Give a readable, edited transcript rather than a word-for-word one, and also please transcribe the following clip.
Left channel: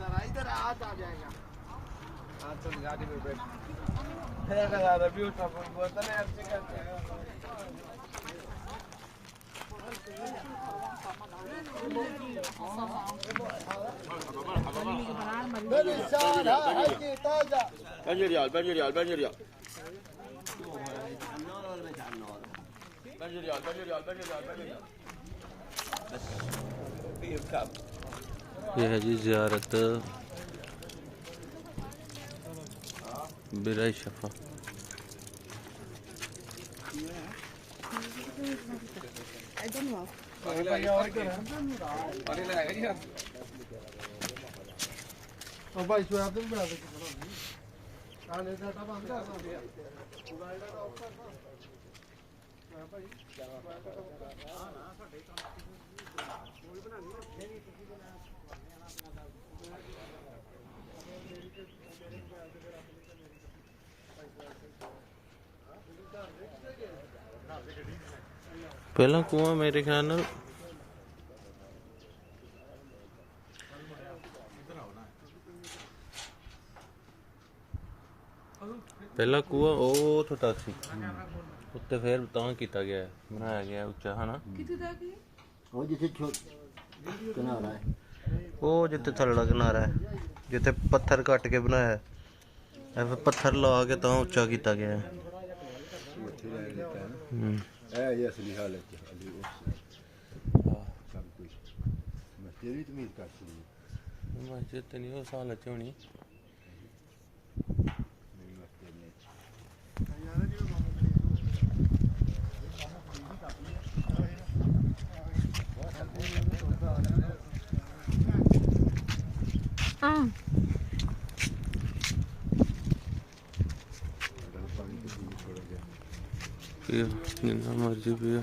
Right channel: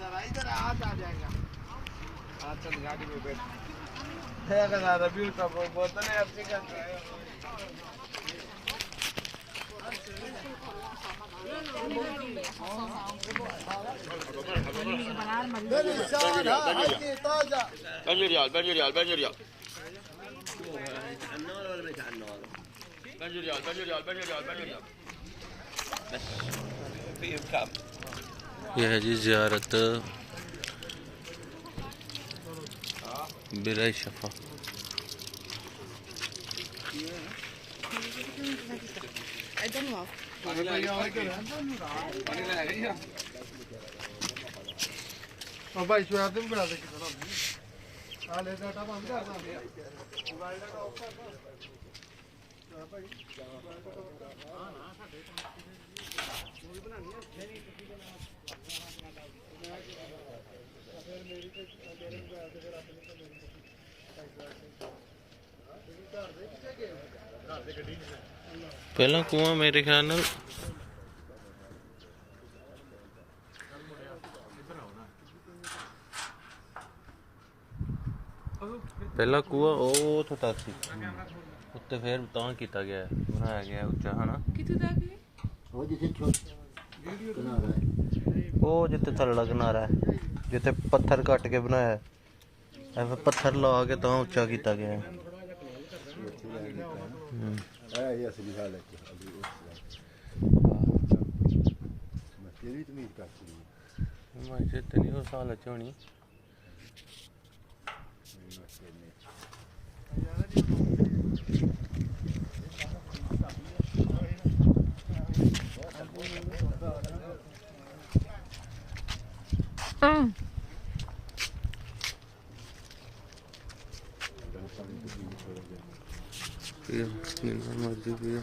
इधर आज आ जाएगा। आज चल गाड़ी में बैठ रवि का बोतल है अच्छे करते हैं। Banjirial ये है जी ज़ियारत बिरा शफा। भाई सोयाब भी बना दे बंद कर पहला कुआं मेरे ख्याल नाल पहला कुआं ਉਹ ਛੋਟਾ ਸੀ ਉੱਤੇ ਫੇਰ ਤਾਂ ਕੀਤਾ ਗਿਆ ਬਣਾਇਆ ਗਿਆ ਉੱਚਾ ਹਨਾ ਕਿੱਥੇ ਤੱਕ ਉਹ ਜਿੱਥੇ ਕਿਨਾਰਾ ਹੈ ਉਹ ਜਿੱਥੇ ਥੱਲੜਾ ਕਿਨਾਰਾ ਹੈ ਜਿੱਥੇ ਪੱਥਰ ਕੱਟ ਕੇ ਬਣਾਇਆ ਐ ਪੱਥਰ ਲਾ ਕੇ ਤਾਂ ਉੱਚਾ ਕੀਤਾ ਗਿਆ ਹੈ। ये असली हालत है अभी तेरी तो उम्मीद करती हूँ मस्जिद तो नहीं हो साल अच्छी होनी पियो जितना मर्जी पियो।